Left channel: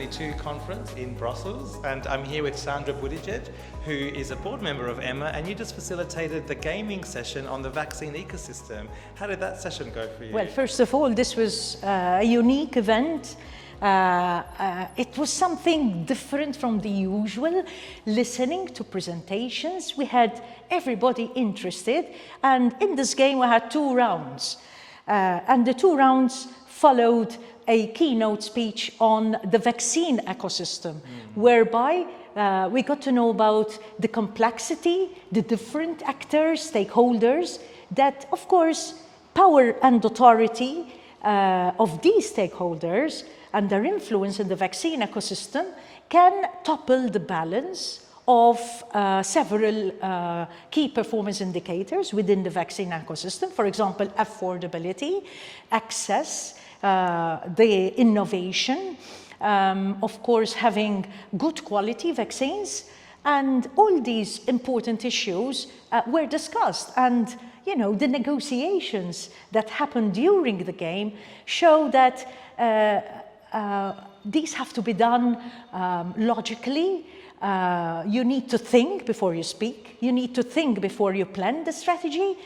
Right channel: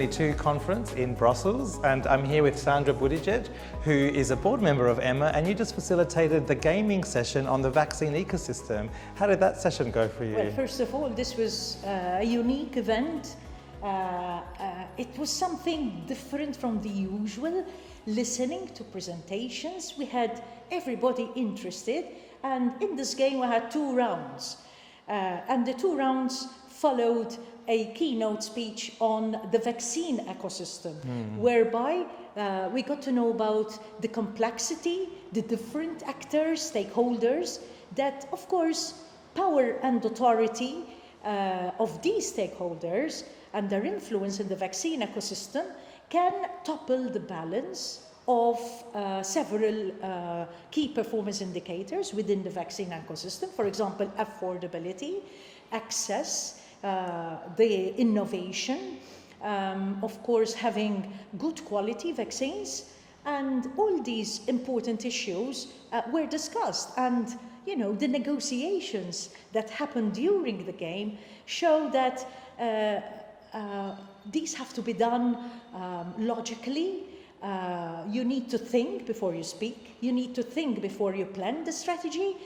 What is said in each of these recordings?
2022 conference in Brussels, and I'm here with Sandra Buttigieg, who is a board member of EHMA, and you just facilitated the gaming session on the vaccine ecosystem. How did that session go for you? Well, first of all, this was a unique event. It was something different from the usual. Listening to presentations, we had everybody interested, and in this game we had 2 rounds. And the 2 rounds followed a keynote speech on the vaccine ecosystem, whereby we got to know about the complexity, the different actors, stakeholders, that of course power and authority of these stakeholders and their influence in the vaccine ecosystem can topple the balance of several key performance indicators within the vaccine ecosystem. For example, affordability, access, the innovation, of course having good quality vaccines, and all these important issues were discussed. And you know, the negotiations that happened during the game show that these have to be done logically. You need to think before you speak. You need to think before you plan the strategy,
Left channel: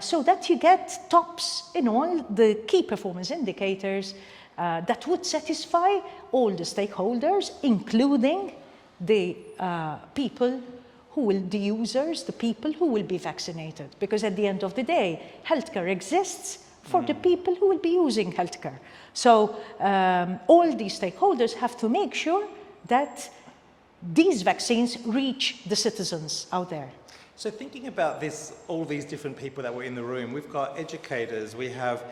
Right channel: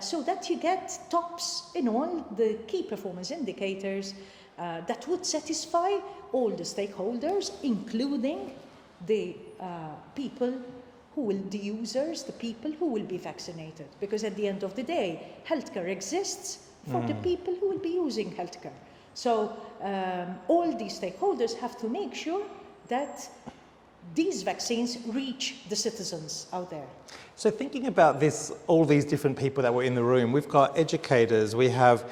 so that you get tops in all the key performance indicators that would satisfy all the stakeholders, including the people who will, the users, the people who will be vaccinated. Because at the end of the day, healthcare exists for the people who will be using healthcare. So all these stakeholders have to make sure that these vaccines reach the citizens out there. So thinking about this, all these different people that were in the room, we've got educators, we have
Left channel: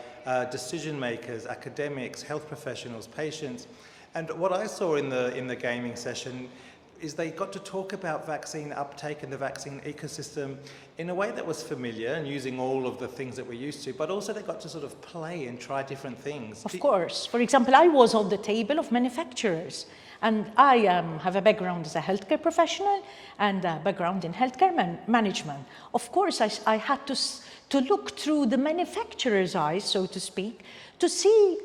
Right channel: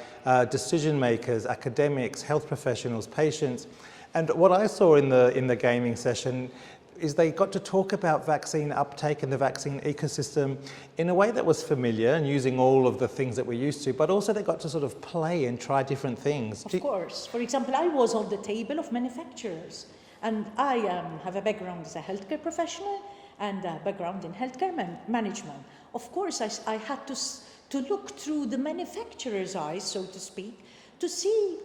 decision makers, academics, health professionals, patients, and what I saw in the gaming session is they got to talk about vaccine uptake and the vaccine ecosystem in a way that was familiar and using all of the things that we're used to, but also they got to sort of play and try different things. Of course. For example, I was on the table of manufacturers, and I have a background as a healthcare professional and a background in healthcare management. Of course, I had to look through the manufacturer's eyes, so to speak, to see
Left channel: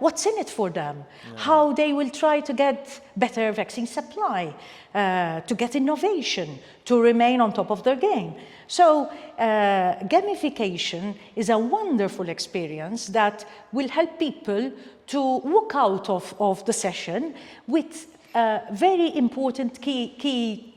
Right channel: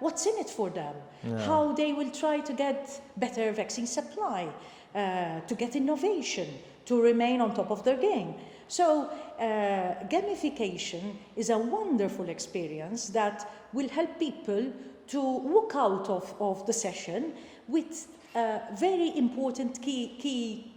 what's in it for them, how they will try to get better vaccine supply, to get innovation, to remain on top of their game. So gamification is a wonderful experience that will help people to walk out of the session with very important key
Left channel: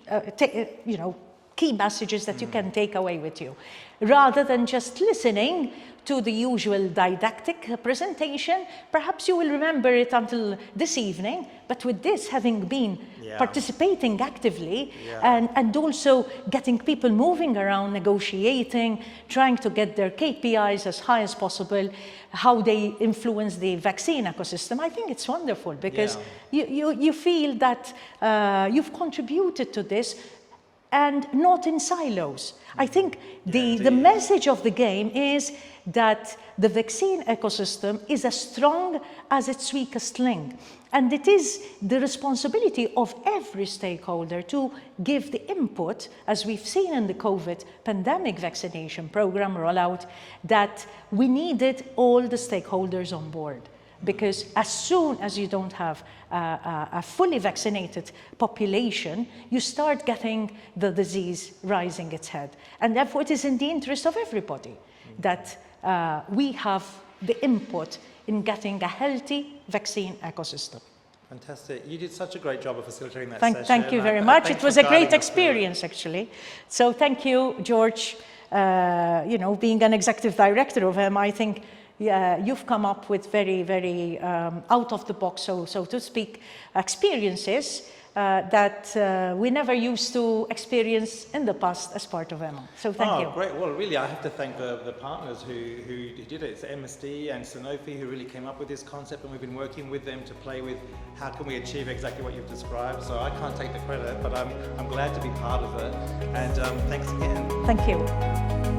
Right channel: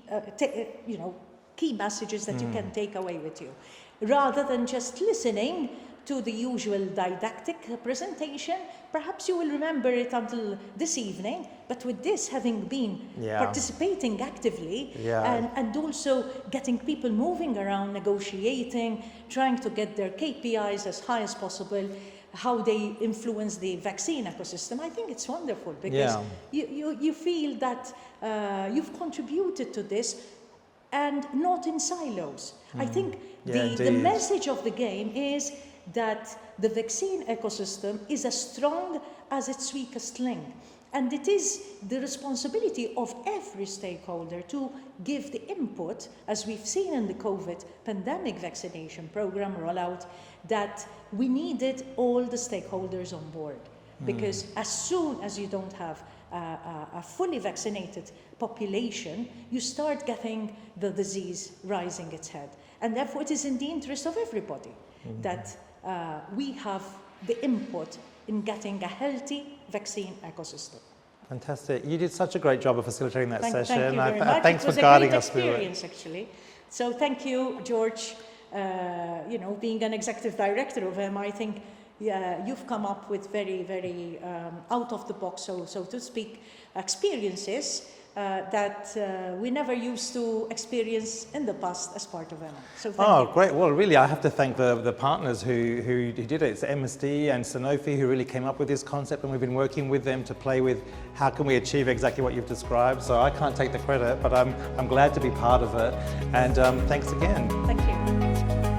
messages that you can take away with you, rather than just listening to the usual didactic presentation. Perhaps you will remember it until this evening, but with this, having been participating actively and also getting people moving around, negotiating, trying to get their KPIs as high as possible, how they influence the vaccine ecosystem, I think it's wonderful, because you feel that you've contributed to this, and not in silos. I think the message of the game is that the vaccine ecosystem is as strong as its weakest link. And it is the responsibility of every stakeholder to give the input, as we've seen in the COVID pandemic vaccination program rollout, that we needed all the stakeholders on board. Because as soon as you don't have a fully vaccinated population, you start getting the disease rising its head. And therefore it is in the interest of everybody that we have the input in getting a healthy vaccine ecosystem. Fantastic. You did such a great job of facilitating that session. Thank you very much. It was a great experience, actually. So thank you, George. You know, being an executive director of EHMA, I think you've come up with very, very out of the box, so to speak, experiences that we never used to experience in the past as part of EHMA. So thank you. Oh, great. Well, really, I have to thank the partners who did it. It's MSD and Sanofi who really came up with this concept, and we've been working with them to play with how can we achieve exactly what you've described. So I can't take the credit, but I'm glad to be part of it. And thanks again. Thank you.